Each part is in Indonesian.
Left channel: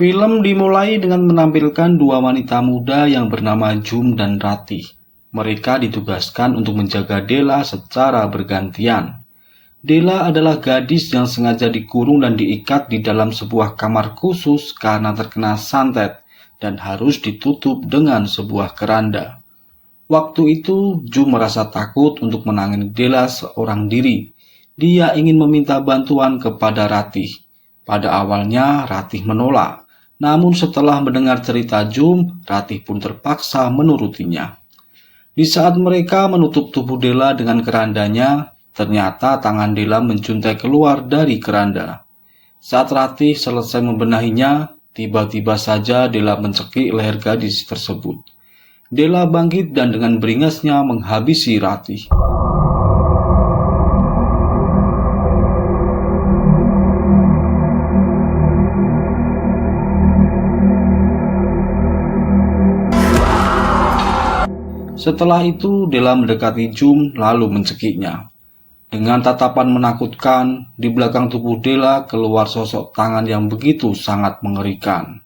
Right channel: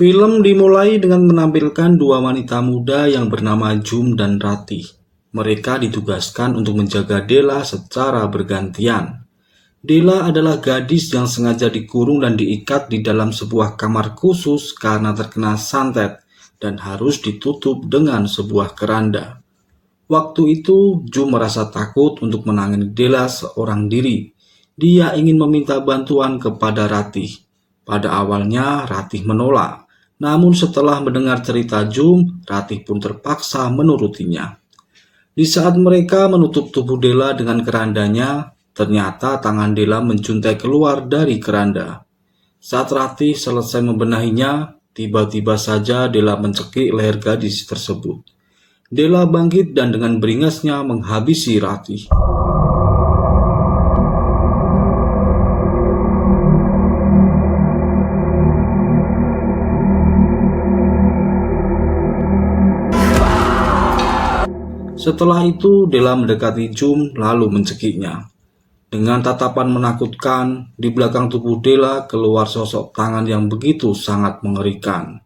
Film dimulai dengan menampilkan dua wanita muda yang bernama Jum dan Ratih. Mereka ditugaskan untuk menjaga Della secara bergantian. Della adalah gadis yang sengaja dikurung dan diikat di dalam sebuah kamar khusus karena terkena santet dan harus ditutup dengan sebuah keranda. Waktu itu, Jum merasa takut untuk menangani Della seorang diri. Dia ingin meminta bantuan kepada Ratih. Pada awalnya, Ratih menolak. Namun setelah mendengar cerita Jum, Ratih pun terpaksa menurutinya. Di saat mereka menutup tubuh Della dengan kerandanya, ternyata tangan Della menjuntai keluar dari keranda. Saat Ratih selesai membenahinya, tiba-tiba saja Della mencekik leher gadis tersebut. Della bangkit dan dengan beringasnya menghabisi Ratih. Setelah itu, Della mendekati Jum lalu mencekiknya. Dengan tatapan menakutkan, di belakang tubuh Della keluar sosok tangan yang begitu sangat mengerikan.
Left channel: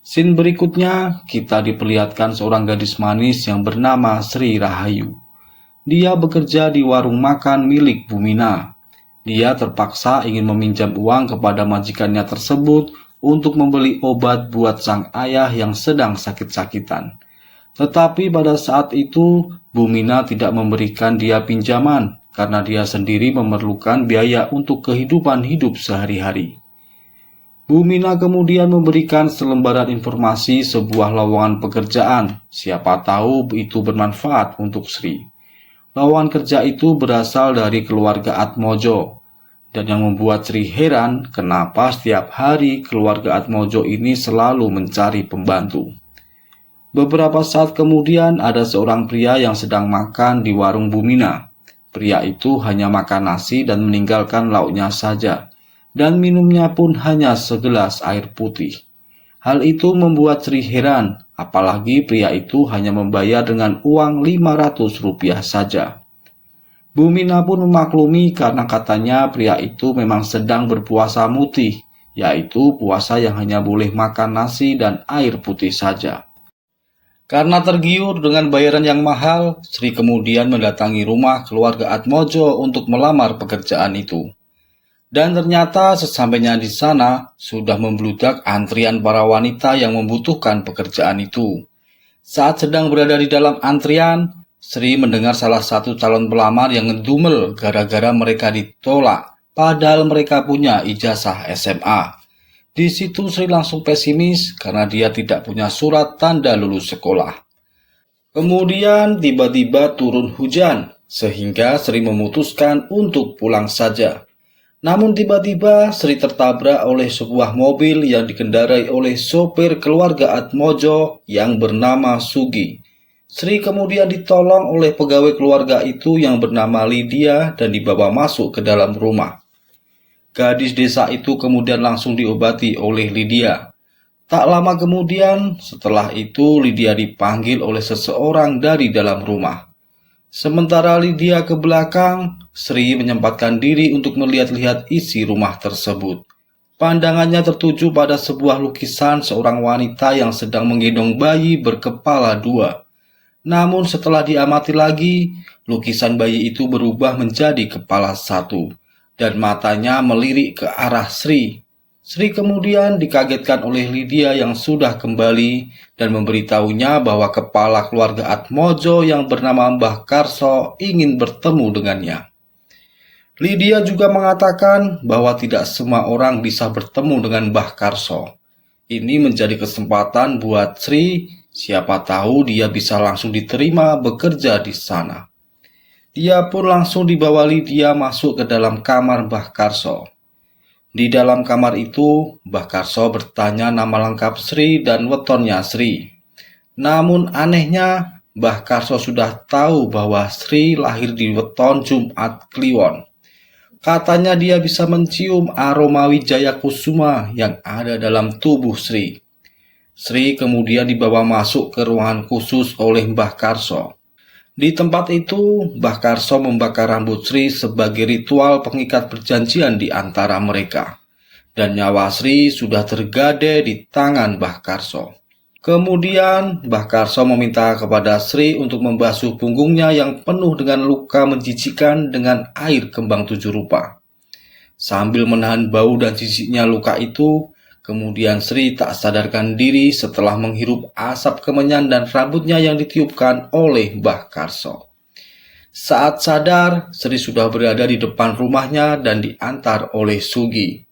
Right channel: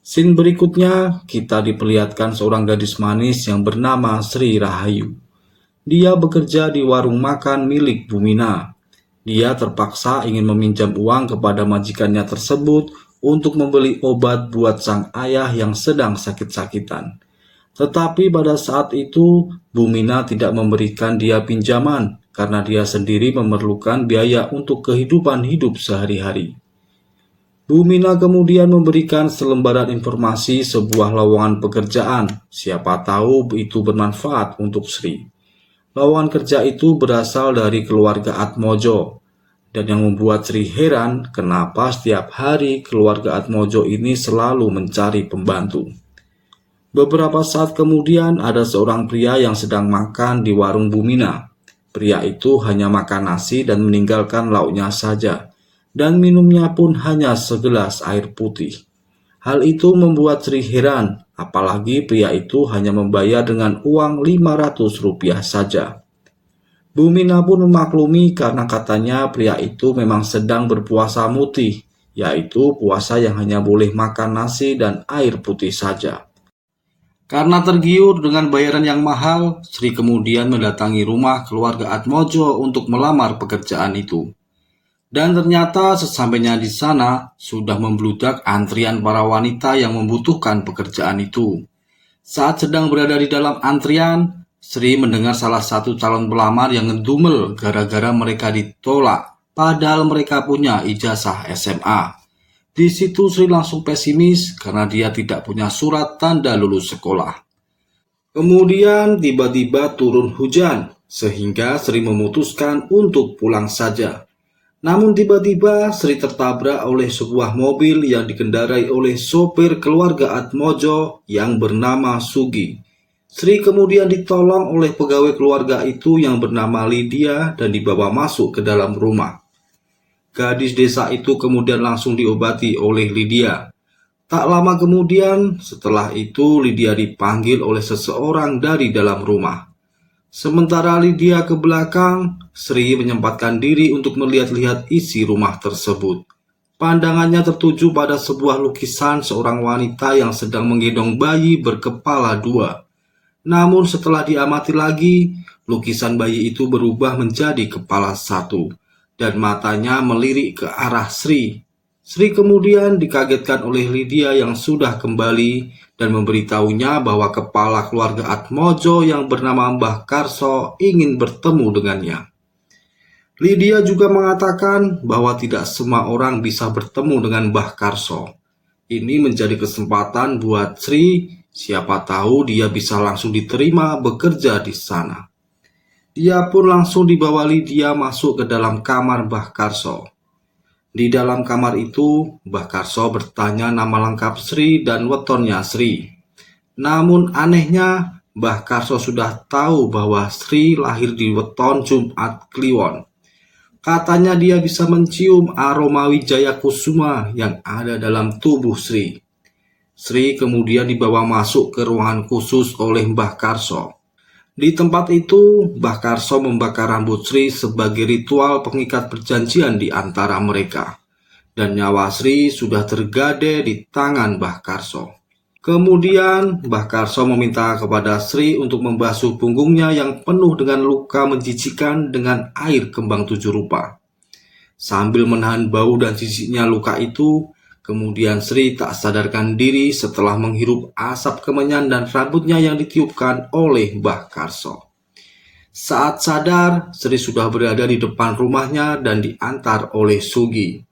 Scene berikutnya, kita diperlihatkan seorang gadis manis yang bernama Sri Rahayu. Dia bekerja di warung makan milik Bumina. Dia terpaksa ingin meminjam uang kepada majikannya tersebut untuk membeli obat buat sang ayah yang sedang sakit-sakitan. Tetapi pada saat itu, Bumina tidak memberikan dia pinjaman karena dia sendiri memerlukan biaya untuk kehidupan hidup sehari-hari. Bumina kemudian memberikan selembaran informasi sebuah lowongan pekerjaan. Siapa tahu itu bermanfaat untuk Sri. Lowongan kerja itu berasal dari keluarga Atmojo. Dan yang membuat Sri heran kenapa setiap hari keluarga Atmojo ini selalu mencari pembantu. Beberapa saat kemudian ada seorang pria yang sedang makan di warung Bumina. Pria itu hanya makan nasi dan meninggalkan lauknya saja. Dan minumnya pun hanya segelas air putih. Hal itu membuat Sri heran, apalagi pria itu hanya membayar dengan uang Rp500 saja. Bumina pun memaklumi karena katanya pria itu memang sedang berpuasa mutih, yaitu puasa yang hanya boleh makan nasi dan air putih saja. Karena tergiur dengan bayaran yang mahal, Sri kemudian mendatangi rumah keluarga Atmojo untuk melamar pekerjaan itu. Dan ternyata sesampainya di sana, sudah membludak antrian para wanita yang membutuhkan pekerjaan itu. Saat sedang berada di dalam antrian, Sri mendengar salah satu calon pelamar yang ngedumel gara-gara mereka ditolak, padahal mereka punya ijazah SMA. Di situ Sri langsung pesimis karena dia tidak punya surat tanda lulus sekolah. Kemudian tiba-tiba turun hujan, sehingga Sri memutuskan untuk pulang saja. Namun tiba-tiba Sri tertabrak oleh sebuah mobil yang dikendarai oleh sopir keluarga Atmojo yang bernama Sugi. Sri kemudian ditolong oleh pegawai keluarga itu yang bernama Lydia dan dibawa masuk ke dalam rumah. Gadis desa itu kemudian langsung diobati oleh Lydia. Tak lama kemudian, setelah itu Lydia dipanggil oleh seseorang dari dalam rumah. Sementara Lydia ke belakang, Sri menyempatkan diri untuk melihat-lihat isi rumah tersebut. Pandangannya tertuju pada sebuah lukisan seorang wanita yang sedang menggendong bayi berkepala dua. Namun setelah diamati lagi, lukisan bayi itu berubah menjadi kepala satu. Dan matanya melirik ke arah Sri. Sri kemudian dikagetkan oleh Lydia yang sudah kembali dan memberitahunya bahwa kepala keluarga Atmojo yang bernama Mbah Karso ingin bertemu dengannya. Lydia juga mengatakan bahwa tidak semua orang bisa bertemu dengan Mbah Karso. Ini menjadi kesempatan buat Sri, siapa tahu dia bisa langsung diterima bekerja di sana. Dia pun langsung dibawa Lydia masuk ke dalam kamar Mbah Karso. Di dalam kamar itu, Mbah Karso bertanya nama lengkap Sri dan wetonnya Sri. Namun anehnya, Mbah Karso sudah tahu bahwa Sri lahir di weton Jumat Kliwon. Katanya dia bisa mencium aroma Wijaya Kusuma yang ada dalam tubuh Sri. Sri kemudian dibawa masuk ke ruangan khusus oleh Mbah Karso. Di tempat itu, Mbah Karso membakar rambut Sri sebagai ritual pengikat perjanjian di antara mereka. dan nyawa Sri sudah tergade di tangan Mbah Karso. Kemudian Mbah Karso meminta kepada Sri untuk membasuh punggungnya yang penuh dengan luka menjijikan dengan air kembang 7 rupa. Sambil menahan bau dan jijiknya luka itu, kemudian Sri tak sadarkan diri setelah menghirup asap kemenyan dan rambutnya yang ditiupkan oleh Mbah Karso. Saat sadar, Sri sudah berada di depan rumahnya dan diantar oleh Sugi.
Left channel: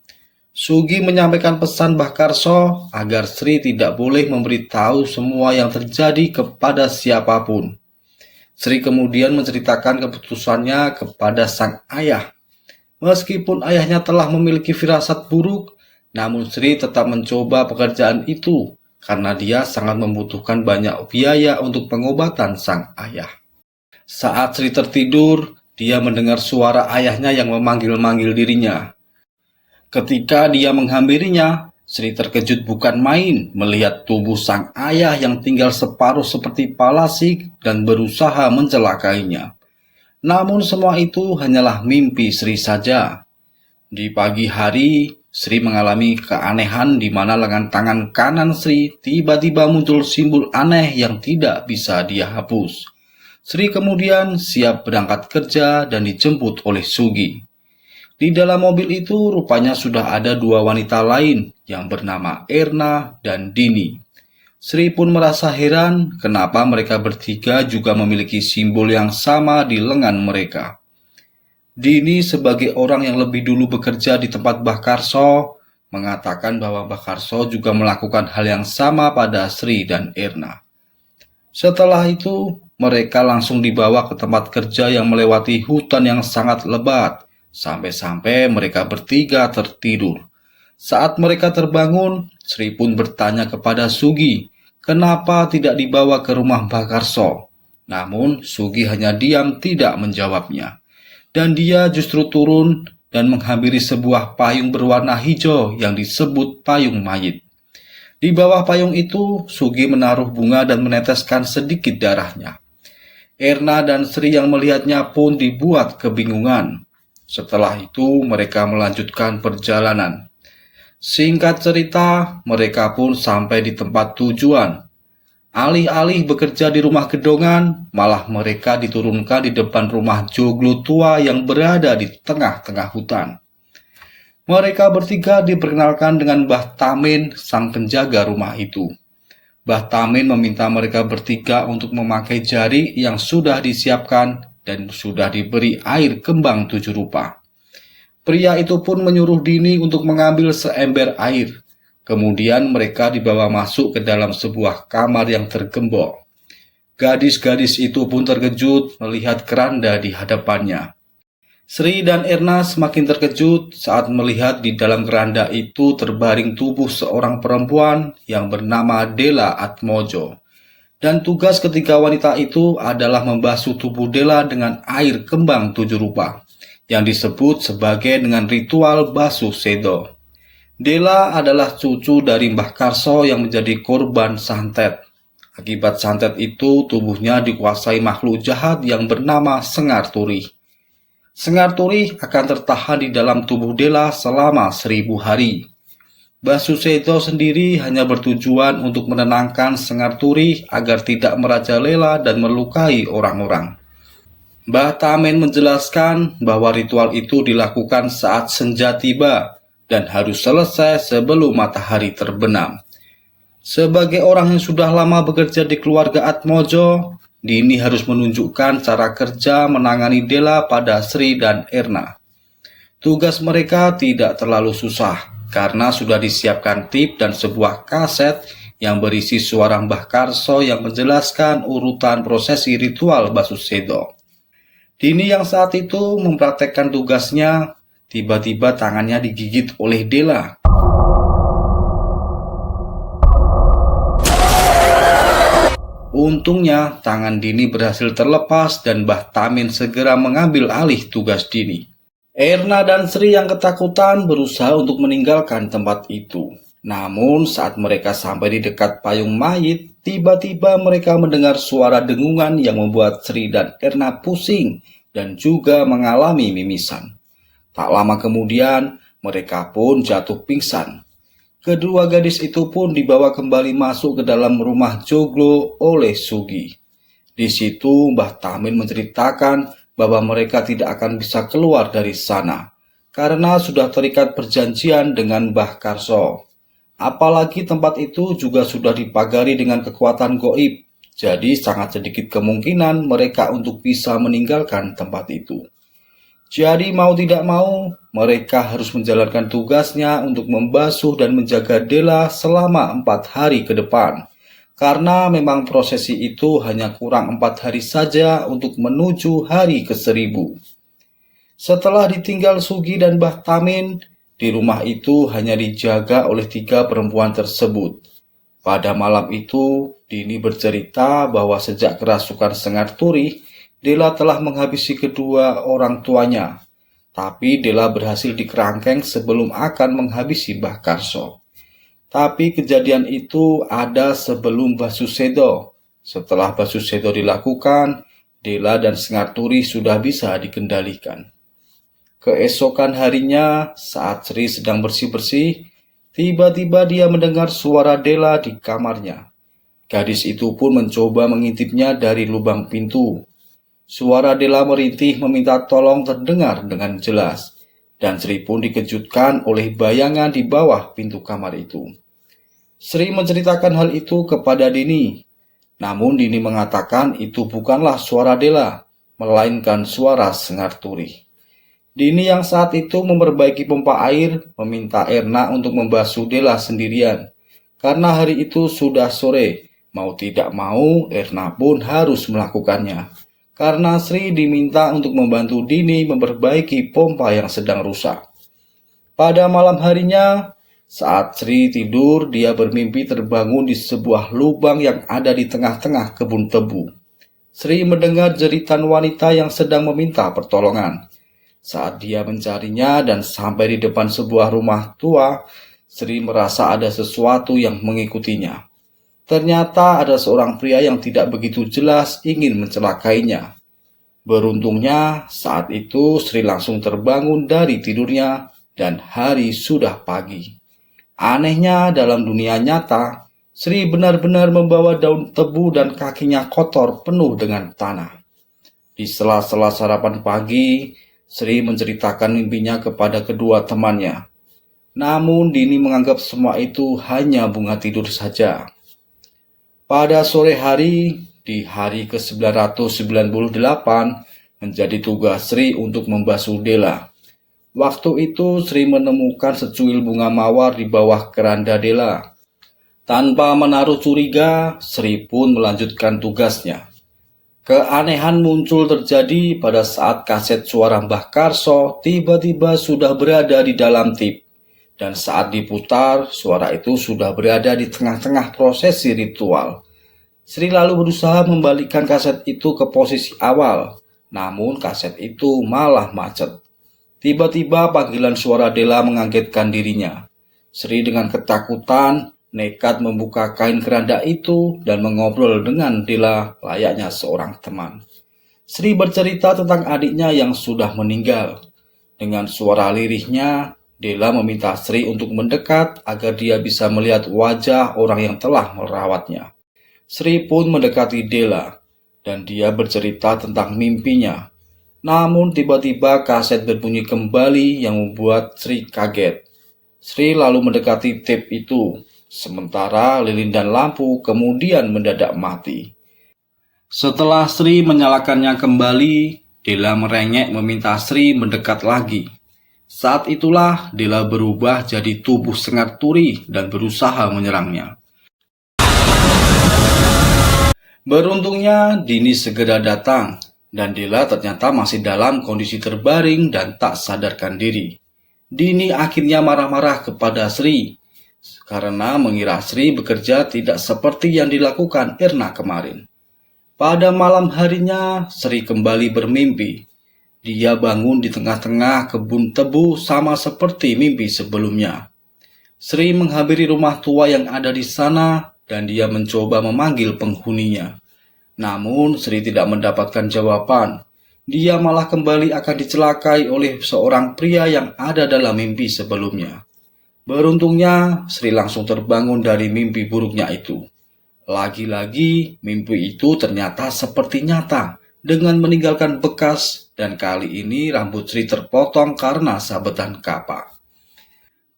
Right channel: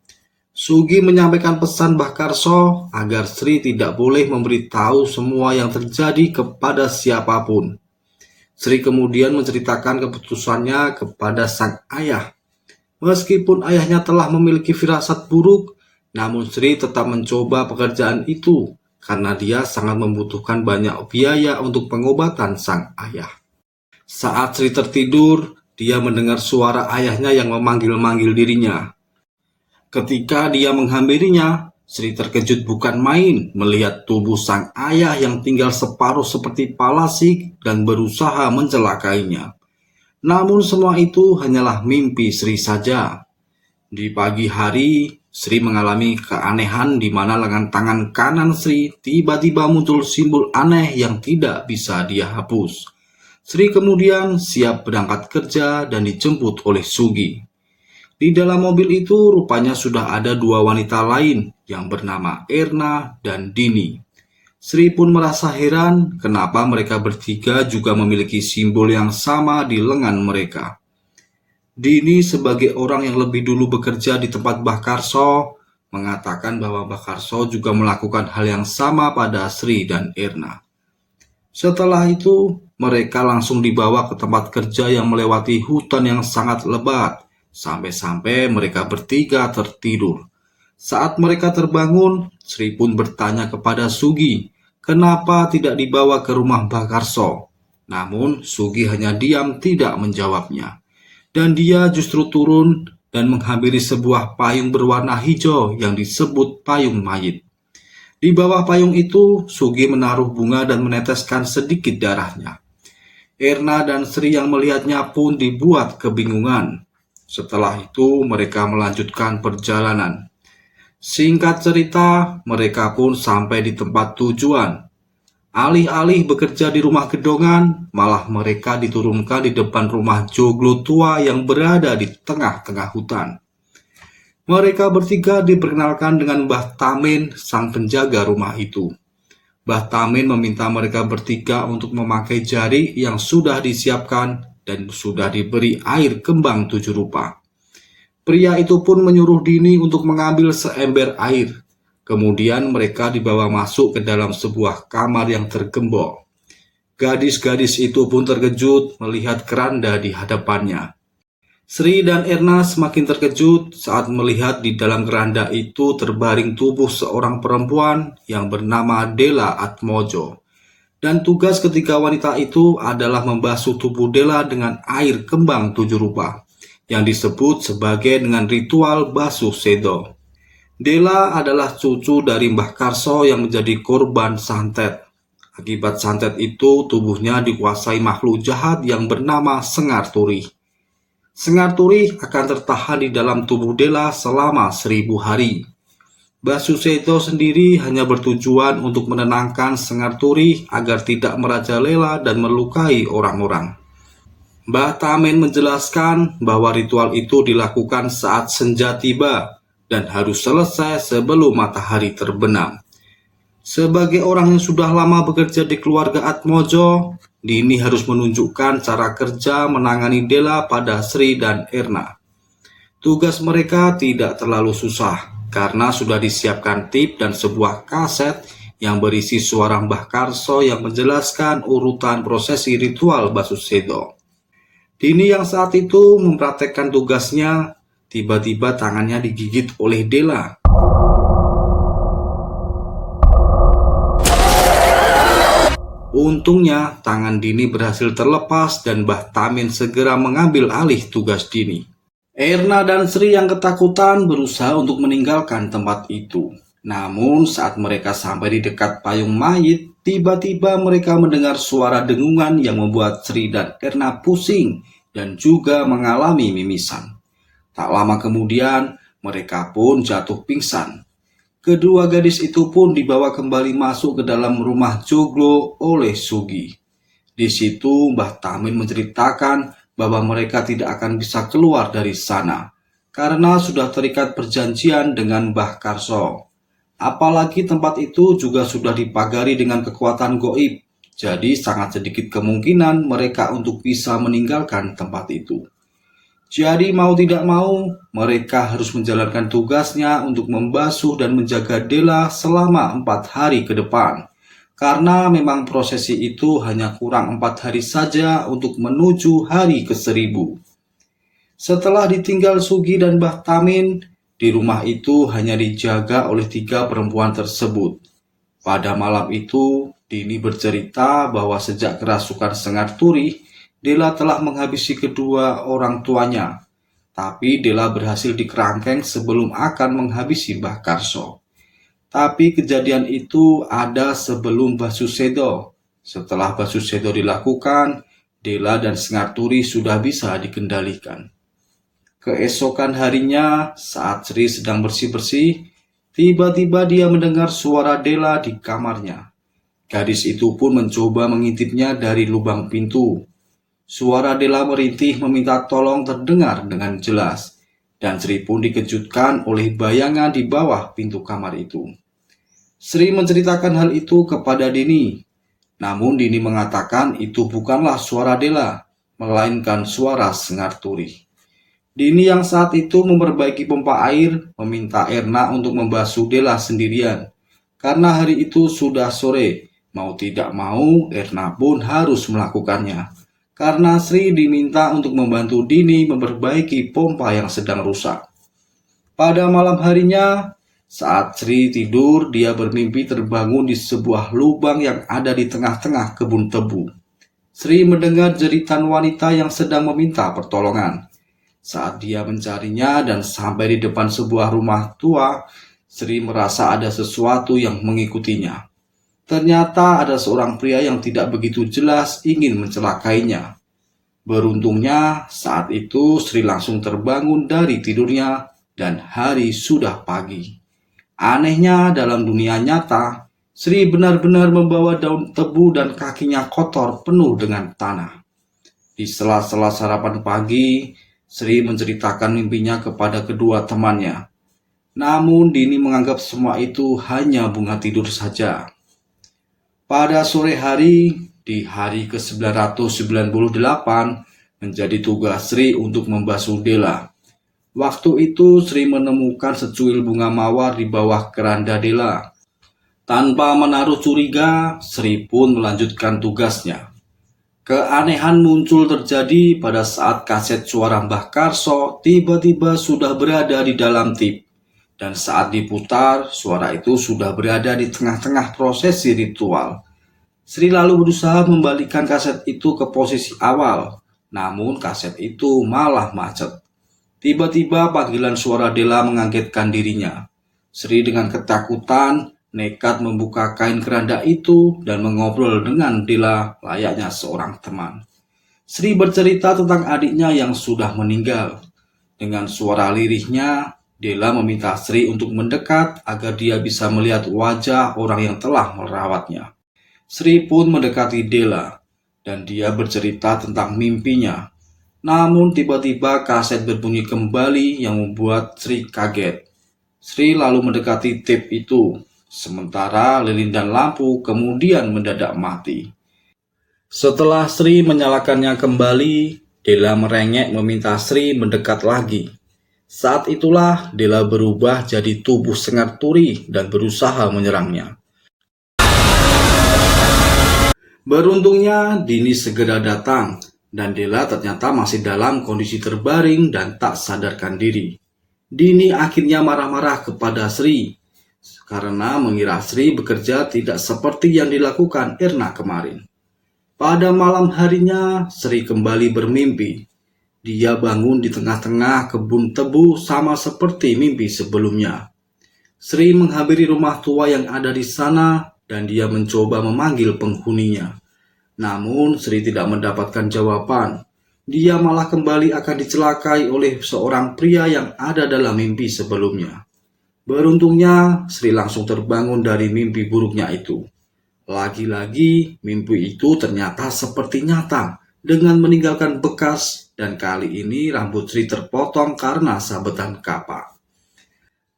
Sugi menyampaikan pesan Mbah Karso agar Sri tidak boleh memberitahu semua yang terjadi kepada siapapun. Sri kemudian menceritakan keputusannya kepada sang ayah. Meskipun ayahnya telah memiliki firasat buruk, namun Sri tetap mencoba pekerjaan itu karena dia sangat membutuhkan banyak biaya untuk pengobatan sang ayah. Saat Sri tertidur, dia mendengar suara ayahnya yang memanggil-manggil dirinya. Ketika dia menghampirinya, Sri terkejut bukan main melihat tubuh sang ayah yang tinggal separuh seperti palasik dan berusaha mencelakainya. Namun semua itu hanyalah mimpi Sri saja. Di pagi hari, Sri mengalami keanehan di mana lengan tangan kanan Sri tiba-tiba muncul simbol aneh yang tidak bisa dia hapus. Sri kemudian siap berangkat kerja dan dijemput oleh Sugi. Di dalam mobil itu rupanya sudah ada 2 wanita lain yang bernama Erna dan Dini. Sri pun merasa heran kenapa mereka bertiga juga memiliki simbol yang sama di lengan mereka. Dini sebagai orang yang lebih dulu bekerja di tempat Mbah Karso mengatakan bahwa Mbah Karso juga melakukan hal yang sama pada Sri dan Erna. Setelah itu mereka langsung dibawa ke tempat kerja yang melewati hutan yang sangat lebat. Sampai-sampai mereka bertiga tertidur. Saat mereka terbangun, Sri pun bertanya kepada Sugi, kenapa tidak dibawa ke rumah Mbah Karso. Namun Sugi hanya diam tidak menjawabnya. Dan dia justru turun dan menghampiri sebuah payung berwarna hijau yang disebut payung mayit. Di bawah payung itu, Sugi menaruh bunga dan meneteskan sedikit darahnya. Erna dan Sri yang melihatnya pun dibuat kebingungan. Setelah itu mereka melanjutkan perjalanan. Singkat cerita, mereka pun sampai di tempat tujuan. Alih-alih bekerja di rumah gedongan, malah mereka diturunkan di depan rumah joglo tua yang berada di tengah-tengah hutan. Mereka bertiga diperkenalkan dengan Mbah Tamin, sang penjaga rumah itu. Mbah Tamin meminta mereka bertiga untuk memakai jari yang sudah disiapkan dan sudah diberi air kembang 7 rupa. Pria itu pun menyuruh Dini untuk mengambil seember air. Kemudian mereka dibawa masuk ke dalam sebuah kamar yang tergembok. Gadis-gadis itu pun terkejut melihat keranda di hadapannya. Sri dan Erna semakin terkejut saat melihat di dalam keranda itu terbaring tubuh seorang perempuan yang bernama Dela Atmojo. Dan tugas ketiga wanita itu adalah membasuh tubuh Dela dengan air kembang 7 rupa, yang disebut sebagai dengan ritual basuh sedo. Dela adalah cucu dari Mbah Karso yang menjadi korban santet. Akibat santet itu, tubuhnya dikuasai makhluk jahat yang bernama Sengar Turih. Sengar Turih akan tertahan di dalam tubuh Dela selama 1000 hari. Basuh sedo sendiri hanya bertujuan untuk menenangkan Sengar Turih agar tidak merajalela dan melukai orang-orang. Mbah Tamin menjelaskan bahwa ritual itu dilakukan saat senja tiba dan harus selesai sebelum matahari terbenam. Sebagai orang yang sudah lama bekerja di keluarga Atmojo, Dini harus menunjukkan cara kerja menangani Dela pada Sri dan Erna. Tugas mereka tidak terlalu susah, karena sudah disiapkan tip dan sebuah kaset yang berisi suara Mbah Karso yang menjelaskan urutan prosesi ritual basuh sedo. Dini yang saat itu mempraktekkan tugasnya, tiba-tiba tangannya digigit oleh Dela. Untungnya tangan Dini berhasil terlepas dan Mbah Tamin segera mengambil alih tugas Dini. Erna dan Sri yang ketakutan berusaha untuk meninggalkan tempat itu. Namun saat mereka sampai di dekat payung mayit, tiba-tiba mereka mendengar suara dengungan yang membuat Sri dan Erna pusing dan juga mengalami mimisan. Tak lama kemudian, Mereka pun jatuh pingsan. Kedua gadis itu pun dibawa kembali masuk ke dalam rumah joglo oleh Sugi. Di situ Mbah Tamin menceritakan bahwa mereka tidak akan bisa keluar dari sana karena sudah terikat perjanjian dengan Mbah Karso. Apalagi tempat itu juga sudah dipagari dengan kekuatan goib, jadi sangat sedikit kemungkinan mereka untuk bisa meninggalkan tempat itu. Jadi mau tidak mau, mereka harus menjalankan tugasnya untuk membasuh dan menjaga Dela selama 4 hari ke depan. Karena memang prosesi itu hanya kurang 4 hari saja untuk menuju hari ke-1000. Setelah ditinggal Sugi dan Mbah Tamin, di rumah itu hanya dijaga oleh 3 perempuan tersebut. Pada malam itu, Dini bercerita bahwa sejak kerasukan Sengat Turi, Dela telah menghabisi kedua orang tuanya. Tapi Dela berhasil dikerangkeng sebelum akan menghabisi Mbah Karso. Tapi kejadian itu ada sebelum Basusedo. Setelah Basusedo dilakukan, Dela dan Sengat Turi sudah bisa dikendalikan. Keesokan harinya, saat Sri sedang bersih-bersih, tiba-tiba dia mendengar suara Dela di kamarnya. Gadis itu pun mencoba mengintipnya dari lubang pintu. Suara Dela merintih meminta tolong terdengar dengan jelas, dan Sri pun dikejutkan oleh bayangan di bawah pintu kamar itu. Sri menceritakan hal itu kepada Dini, namun Dini mengatakan itu bukanlah suara Dela, melainkan suara Sengat Turi. Dini yang saat itu memperbaiki pompa air meminta Erna untuk membasuh Dela sendirian, karena hari itu sudah sore. Mau tidak mau, Erna pun harus melakukannya. Karena Sri diminta untuk membantu Dini memperbaiki pompa yang sedang rusak. Pada malam harinya, saat Sri tidur, dia bermimpi terbangun di sebuah lubang yang ada di tengah-tengah kebun tebu. Sri mendengar jeritan wanita yang sedang meminta pertolongan. Saat dia mencarinya dan sampai di depan sebuah rumah tua, Sri merasa ada sesuatu yang mengikutinya. Ternyata ada seorang pria yang tidak begitu jelas ingin mencelakainya. Beruntungnya saat itu Sri langsung terbangun dari tidurnya dan hari sudah pagi. Anehnya dalam dunia nyata, Sri benar-benar membawa daun tebu dan kakinya kotor penuh dengan tanah. Di sela-sela sarapan pagi, Sri menceritakan mimpinya kepada kedua temannya. Namun Dini menganggap semua itu hanya bunga tidur saja. Pada sore hari, di hari ke-998, menjadi tugas Sri untuk membasuh Dela. Waktu itu Sri menemukan secuil bunga mawar di bawah keranda Dela. Tanpa menaruh curiga, Sri pun melanjutkan tugasnya. Keanehan muncul terjadi pada saat kaset suara Mbah Karso tiba-tiba sudah berada di dalam tip. Dan saat diputar, suara itu sudah berada di tengah-tengah prosesi ritual. Sri lalu berusaha membalikkan kaset itu ke posisi awal, namun kaset itu malah macet. Tiba-tiba panggilan suara Dela mengagetkan dirinya. Sri dengan ketakutan nekat membuka kain keranda itu dan mengobrol dengan Dela layaknya seorang teman. Sri bercerita tentang adiknya yang sudah meninggal. Dengan suara lirihnya, Dela meminta Sri untuk mendekat agar dia bisa melihat wajah orang yang telah merawatnya. Sri pun mendekati Dela, dan dia bercerita tentang mimpinya. Namun tiba-tiba kaset berbunyi kembali yang membuat Sri kaget. Sri lalu mendekati tape itu, sementara lilin dan lampu kemudian mendadak mati. Setelah Sri menyalakannya kembali, Dela merengek meminta Sri mendekat lagi. Saat itulah Dela berubah jadi tubuh Sengat Turi dan berusaha menyerangnya. Beruntungnya Dini segera datang dan Dela ternyata masih dalam kondisi terbaring dan tak sadarkan diri. Dini akhirnya marah-marah kepada Sri karena mengira Sri bekerja tidak seperti yang dilakukan Erna kemarin. Pada malam harinya Sri kembali bermimpi. Dia bangun di tengah-tengah kebun tebu sama seperti mimpi sebelumnya. Sri menghampiri rumah tua yang ada di sana dan dia mencoba memanggil penghuninya. Namun Sri tidak mendapatkan jawaban. dia malah kembali akan dicelakai oleh seorang pria yang ada dalam mimpi sebelumnya. Beruntungnya, Sri langsung terbangun dari mimpi buruknya itu. Lagi-lagi, mimpi itu ternyata seperti nyata dengan meninggalkan bekas, dan kali ini rambut Sri terpotong karena sabetan kapak.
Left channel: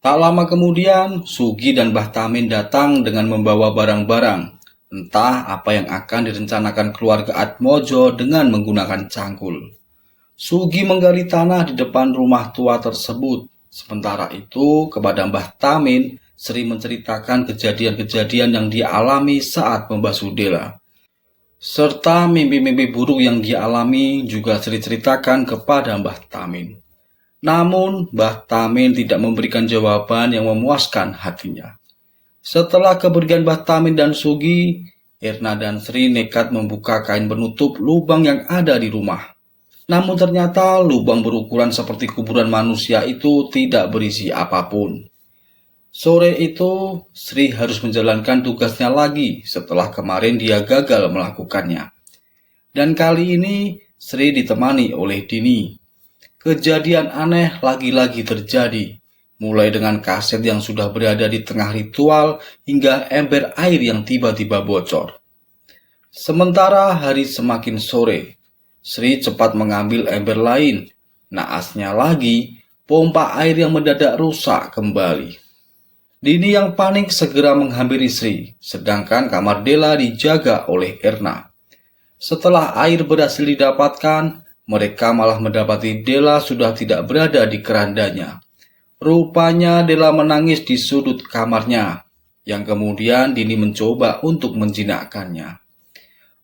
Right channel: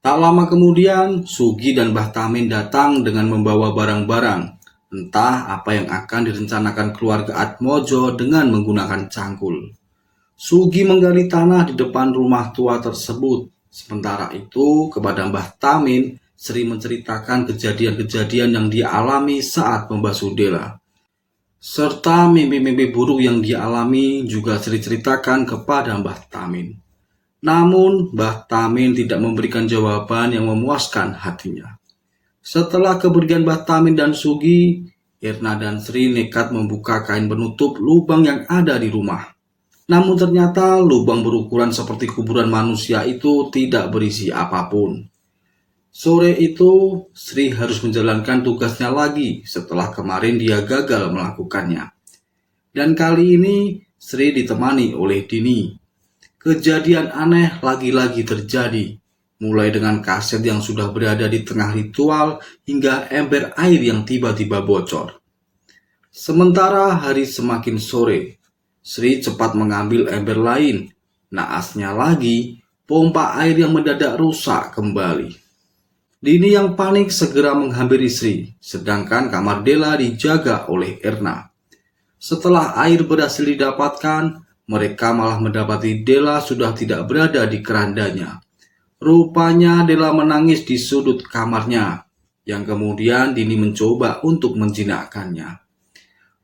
Tak lama kemudian, Sugi dan Mbah Tamin datang dengan membawa barang-barang. Entah apa yang akan direncanakan keluarga Atmojo dengan menggunakan cangkul. Sugi menggali tanah di depan rumah tua tersebut. Sementara itu, kepada Mbah Tamin, Sri menceritakan kejadian-kejadian yang dia alami saat membasuh Dela. Serta mimpi-mimpi buruk yang dia alami juga Sri ceritakan kepada Mbah Tamin. Namun, Mbah Tamin tidak memberikan jawaban yang memuaskan hatinya. Setelah kepergian Mbah Tamin dan Sugi, Erna dan Sri nekat membuka kain penutup lubang yang ada di rumah. Namun ternyata lubang berukuran seperti kuburan manusia itu tidak berisi apapun. Sore itu, Sri harus menjalankan tugasnya lagi setelah kemarin dia gagal melakukannya. Dan kali ini, Sri ditemani oleh Dini. Kejadian aneh lagi-lagi terjadi, mulai dengan kaset yang sudah berada di tengah ritual hingga ember air yang tiba-tiba bocor. Sementara hari semakin sore, Sri cepat mengambil ember lain. Naasnya lagi, pompa air yang mendadak rusak kembali. Dini yang panik segera menghampiri Sri, sedangkan kamar Dela dijaga oleh Erna. Setelah air berhasil didapatkan, mereka malah mendapati Dela sudah tidak berada di kerandanya. Rupanya Dela menangis di sudut kamarnya, yang kemudian Dini mencoba untuk menjinakkannya.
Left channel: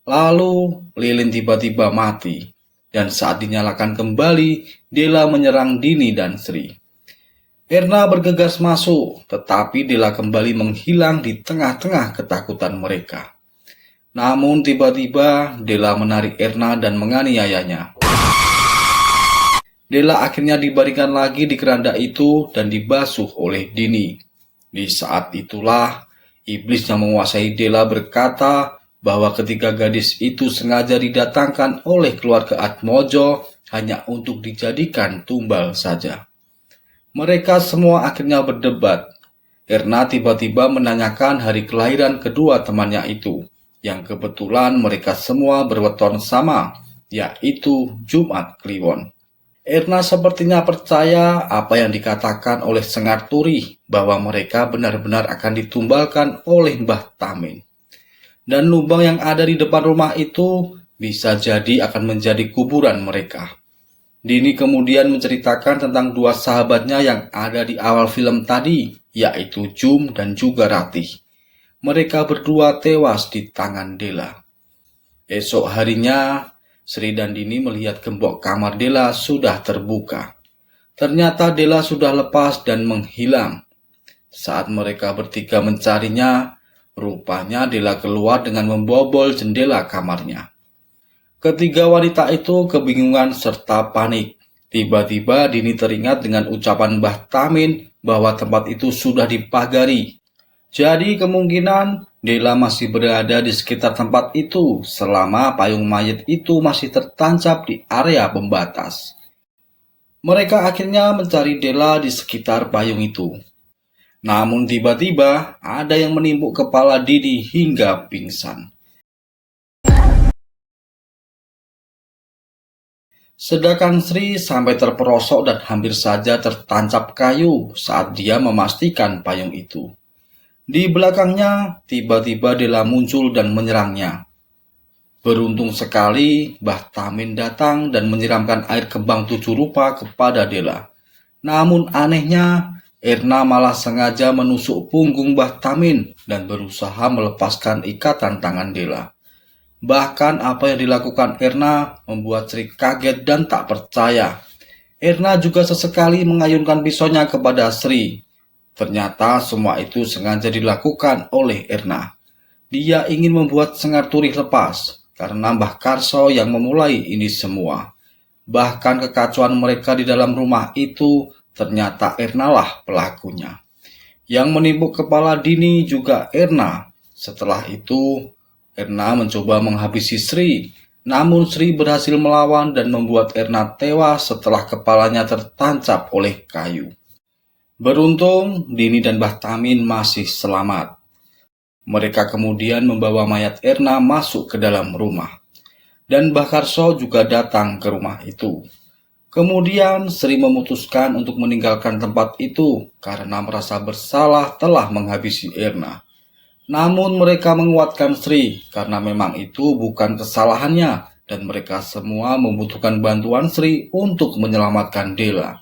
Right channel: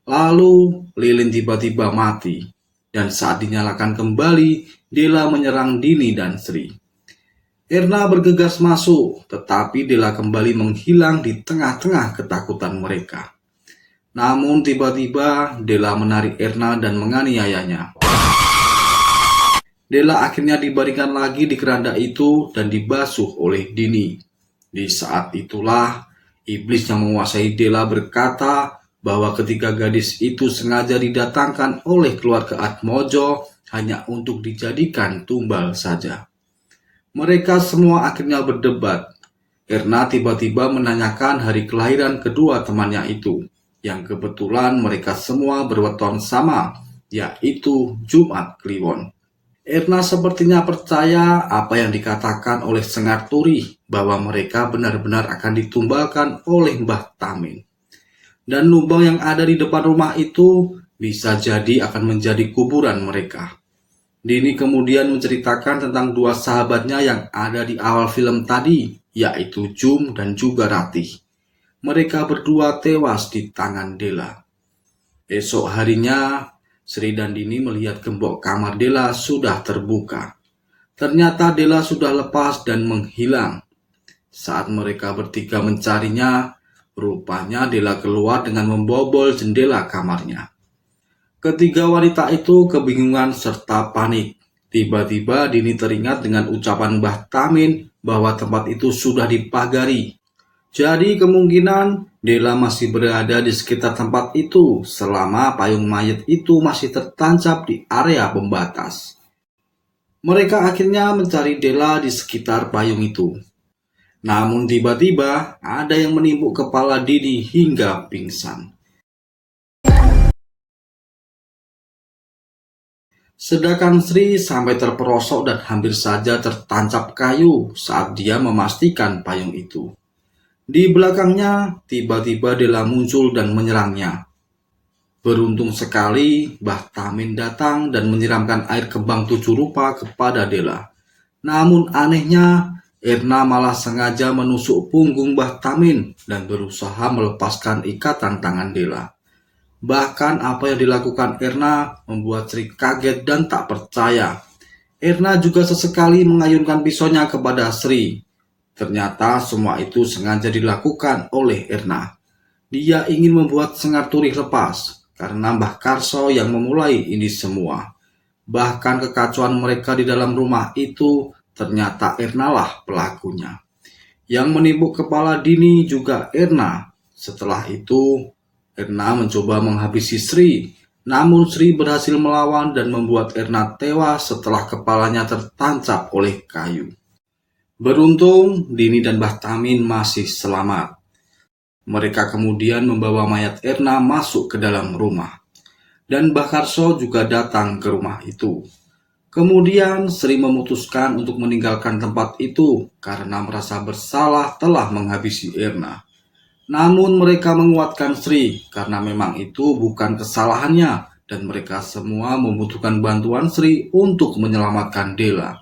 Lalu lilin tiba-tiba mati, dan saat dinyalakan kembali, Dela menyerang Dini dan Sri. Erna bergegas masuk, tetapi Dela kembali menghilang di tengah-tengah ketakutan mereka. Namun tiba-tiba Dela menarik Erna dan menganiayanya. Dela akhirnya dibaringkan lagi di keranda itu dan dibasuh oleh Dini. Di saat itulah, iblis yang menguasai Dela berkata bahwa ketiga gadis itu sengaja didatangkan oleh keluarga Atmojo hanya untuk dijadikan tumbal saja. Mereka semua akhirnya berdebat. Erna tiba-tiba menanyakan hari kelahiran kedua temannya itu, yang kebetulan mereka semua berweton sama, yaitu Jumat Kliwon. Erna sepertinya percaya apa yang dikatakan oleh Sengar Turi bahwa mereka benar-benar akan ditumbalkan oleh Mbah Tamin. Dan lubang yang ada di depan rumah itu bisa jadi akan menjadi kuburan mereka. Dini kemudian menceritakan tentang dua sahabatnya yang ada di awal film tadi, yaitu Jum dan juga Ratih. Mereka berdua tewas di tangan Dela. Esok harinya, Sri dan Dini melihat gembok kamar Dela sudah terbuka. Ternyata Dela sudah lepas dan menghilang. Saat mereka bertiga mencarinya, rupanya Dela keluar dengan membobol jendela kamarnya. Ketiga wanita itu kebingungan serta panik. Tiba-tiba Dini teringat dengan ucapan Mbah Tamin bahwa tempat itu sudah dipagari. Jadi kemungkinan Dela masih berada di sekitar tempat itu selama payung mayat itu masih tertancap di area pembatas. Mereka akhirnya mencari Dela di sekitar payung itu. Namun tiba-tiba ada yang menimpuk kepala Dini hingga pingsan. Sedangkan Sri sampai terperosok dan hampir saja tertancap kayu saat dia memastikan payung itu. Di belakangnya, tiba-tiba Dela muncul dan menyerangnya. Beruntung sekali, Mbah Tamin datang dan menyiramkan air kembang tujuh rupa kepada Dela. Namun anehnya, Erna malah sengaja menusuk punggung Mbah Tamin dan berusaha melepaskan ikatan tangan Dela. Bahkan apa yang dilakukan Erna membuat Sri kaget dan tak percaya. Erna juga sesekali mengayunkan pisaunya kepada Sri. Ternyata semua itu sengaja dilakukan oleh Erna. Dia ingin membuat Sengar Turi lepas, karena Mbah Karso yang memulai ini semua. Bahkan kekacauan mereka di dalam rumah itu, ternyata Erna lah pelakunya. Yang menimpuk kepala Dini juga Erna. Setelah itu, Erna mencoba menghabisi Sri, Namun Sri berhasil melawan dan membuat Erna tewas setelah kepalanya tertancap oleh kayu. Beruntung, Dini dan Mbah Tamin masih selamat. Mereka kemudian membawa mayat Erna masuk ke dalam rumah. Dan Mbah Karso juga datang ke rumah itu. Kemudian Sri memutuskan untuk meninggalkan tempat itu karena merasa bersalah telah menghabisi Erna. Namun mereka menguatkan Sri karena memang itu bukan kesalahannya dan mereka semua membutuhkan bantuan Sri untuk menyelamatkan Dela.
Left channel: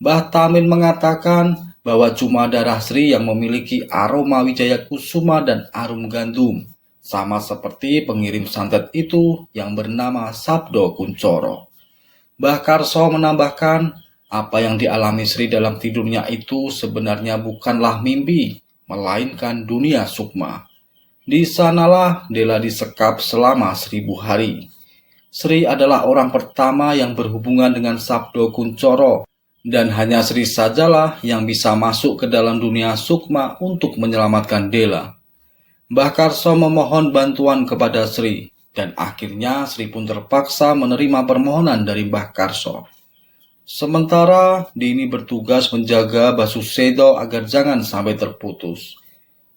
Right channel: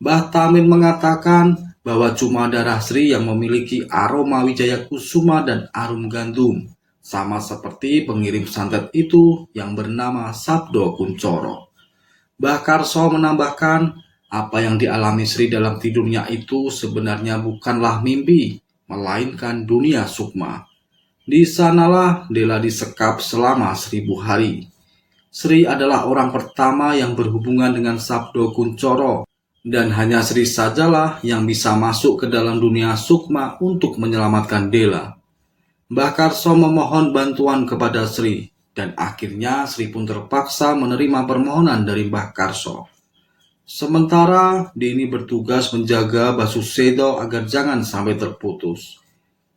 Mbah Tamin mengatakan bahwa cuma darah Sri yang memiliki aroma Wijaya Kusuma dan arum gandum, sama seperti pengirim santet itu yang bernama Sabdo Kuncoro. Mbah Karso menambahkan, apa yang dialami Sri dalam tidurnya itu sebenarnya bukanlah mimpi, melainkan dunia sukma. Di sanalah Dela disekap selama 1000 hari. Sri adalah orang pertama yang berhubungan dengan Sabdo Kuncoro, dan hanya Sri sajalah yang bisa masuk ke dalam dunia sukma untuk menyelamatkan Dela. Mbah Karso memohon bantuan kepada Sri, dan akhirnya Sri pun terpaksa menerima permohonan dari Mbah Karso. Sementara Dini bertugas menjaga Basusedo agar jangan sampai terputus.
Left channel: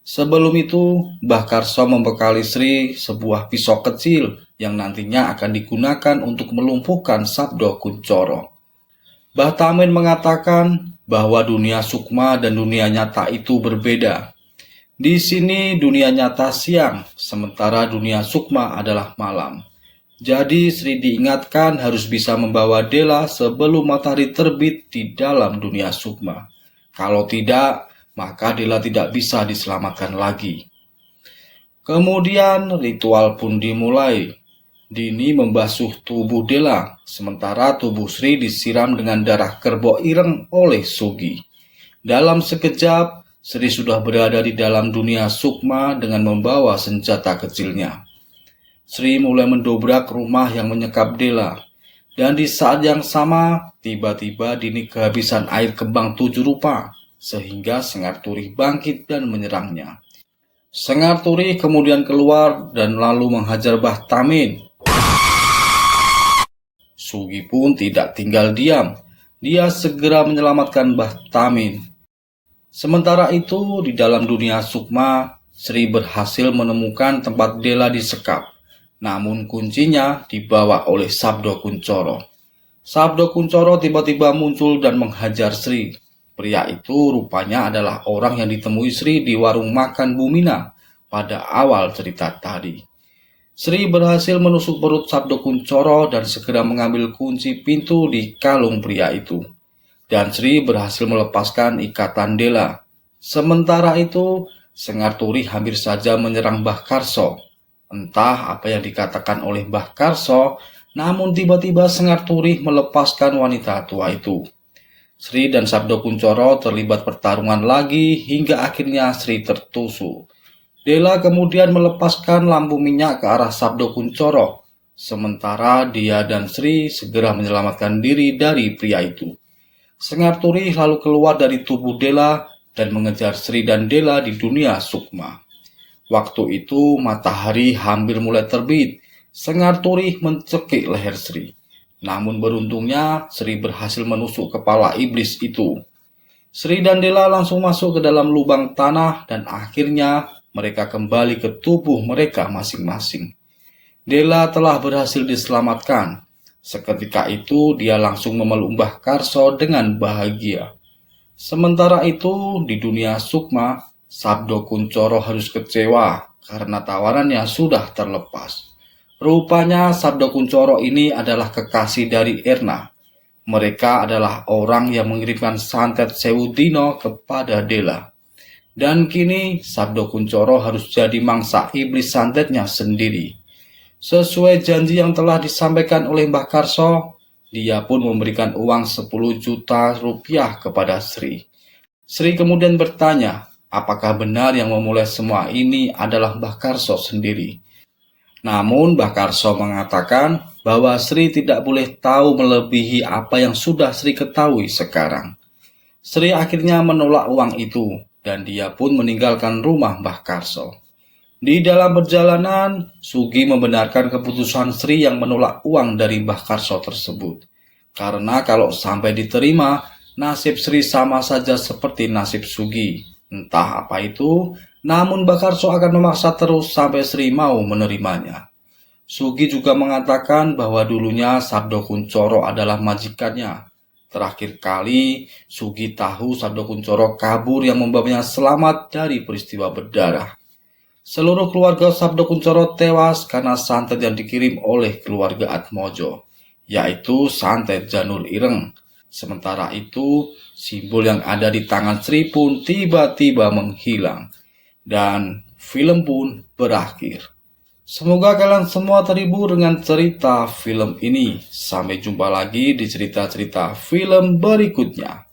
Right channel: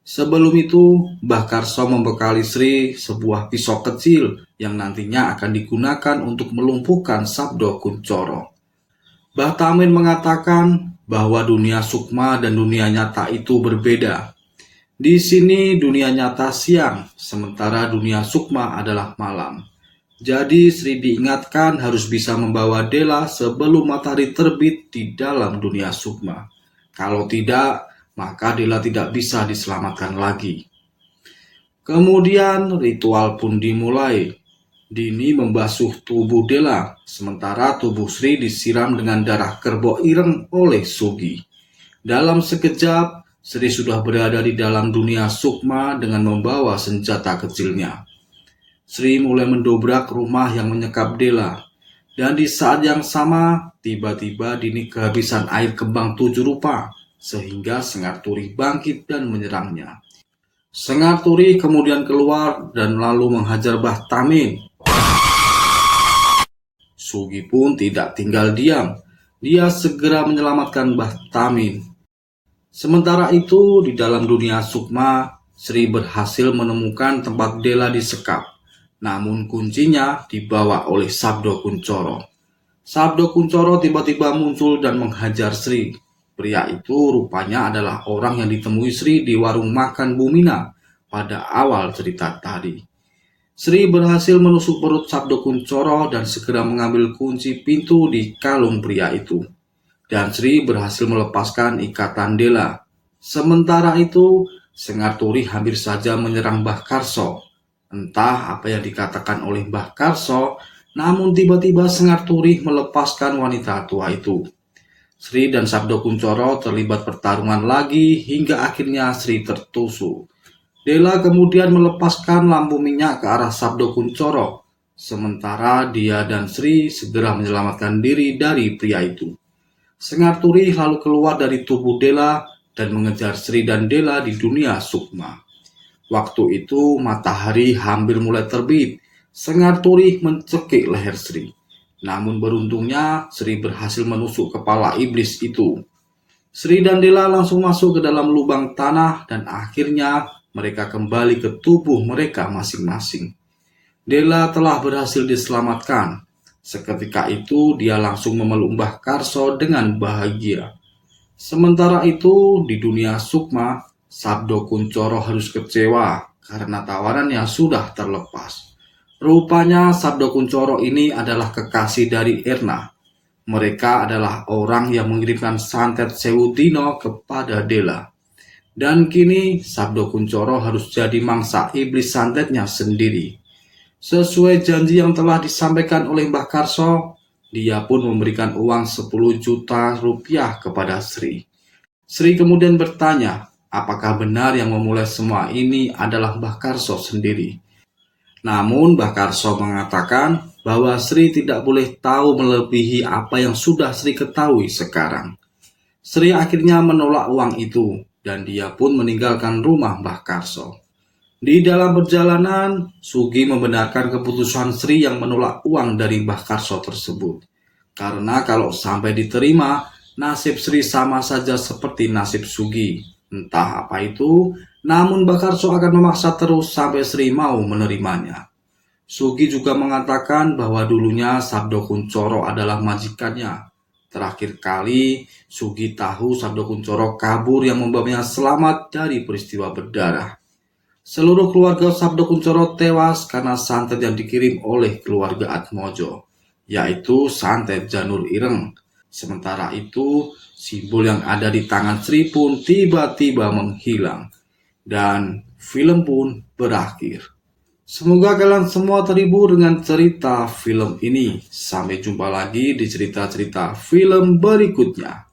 Sebelum itu, Mbah Karso membekali Sri sebuah pisau kecil yang nantinya akan digunakan untuk melumpuhkan Sabdo Kuncoro. Mbah Tamin mengatakan bahwa dunia sukma dan dunia nyata itu berbeda. Di sini dunia nyata siang, sementara dunia sukma adalah malam. Jadi Sri diingatkan harus bisa membawa Dela sebelum matahari terbit di dalam dunia sukma. Kalau tidak, maka Dela tidak bisa diselamatkan lagi. Kemudian ritual pun dimulai. Dini membasuh tubuh Dela, sementara tubuh Sri disiram dengan darah kerbau ireng oleh Sugi. Dalam sekejap, Sri sudah berada di dalam dunia sukma dengan membawa senjata kecilnya. Sri mulai mendobrak rumah yang menyekap Dela, dan di saat yang sama, tiba-tiba Dini kehabisan air kembang 7 rupa, sehingga Sengar Turih bangkit dan menyerangnya. Sengar Turih kemudian keluar dan lalu menghajar Mbah Tamin. Sugi pun tidak tinggal diam. Dia segera menyelamatkan Mbah Tamin. Sementara itu, di dalam dunia sukma, Sri berhasil menemukan tempat Dela disekap. Namun kuncinya dibawa oleh Sabdo Kuncoro. Sabdo Kuncoro tiba-tiba muncul dan menghajar Sri. Pria itu rupanya adalah orang yang ditemui Sri di warung makan Bumina pada awal cerita tadi. Sri berhasil menusuk perut Sabdo Kuncoro dan segera mengambil kunci pintu di kalung pria itu. Dan Sri berhasil melepaskan ikatan Dela. Sementara itu, Sengar Turih hampir saja menyerang Mbah Karso. Entah apa yang dikatakan oleh Mbah Karso, namun tiba-tiba Sengar Turih melepaskan wanita tua itu. Sri dan Sabdo Kuncoro terlibat pertarungan lagi hingga akhirnya Sri tertusuk. Dela kemudian melepaskan lampu minyak ke arah Sabdo Kuncoro, sementara dia dan Sri segera menyelamatkan diri dari pria itu. Sengar Turih lalu keluar dari tubuh Dela dan mengejar Sri dan Dela di dunia sukma. Waktu itu matahari hampir mulai terbit. Sengar Turih mencekik leher Sri. Namun beruntungnya Sri berhasil menusuk kepala iblis itu. Sri dan Dela langsung masuk ke dalam lubang tanah dan akhirnya mereka kembali ke tubuh mereka masing-masing. Dela telah berhasil diselamatkan. Seketika itu dia langsung memeluk Mbah Karso dengan bahagia. Sementara itu di dunia sukma, Sabdo Kuncoro harus kecewa karena tawarannya sudah terlepas. Rupanya Sabdo Kuncoro ini adalah kekasih dari Erna. Mereka adalah orang yang mengirimkan santet Sewu Dino kepada Dela. Dan kini Sabdo Kuncoro harus jadi mangsa iblis santetnya sendiri. Sesuai janji yang telah disampaikan oleh Mbah Karso, dia pun memberikan uang 10 juta rupiah kepada Sri. Sri kemudian bertanya, apakah benar yang memulai semua ini adalah Mbah Karso sendiri? Namun Mbah Karso mengatakan bahwa Sri tidak boleh tahu melebihi apa yang sudah Sri ketahui sekarang. Sri akhirnya menolak uang itu dan dia pun meninggalkan rumah Mbah Karso. Di dalam perjalanan, Sugi membenarkan keputusan Sri yang menolak uang dari Mbah Karso tersebut. Karena kalau sampai diterima, nasib Sri sama saja seperti nasib Sugi. Entah apa itu, namun Mbah Karso akan memaksa terus sampai Sri mau menerimanya. Sugi juga mengatakan bahwa dulunya Sabdo Kuncoro adalah majikannya. Terakhir kali, Sugi tahu Sabdo Kuncoro kabur yang membuatnya selamat dari peristiwa berdarah. Seluruh keluarga Sabdo Kuncoro tewas karena santet yang dikirim oleh keluarga Atmojo, yaitu santet Janur Ireng. Sementara itu, simbol yang ada di tangan Sri pun tiba-tiba menghilang, dan film pun berakhir. Semoga kalian semua terhibur dengan cerita film ini. Sampai jumpa lagi di cerita-cerita film berikutnya.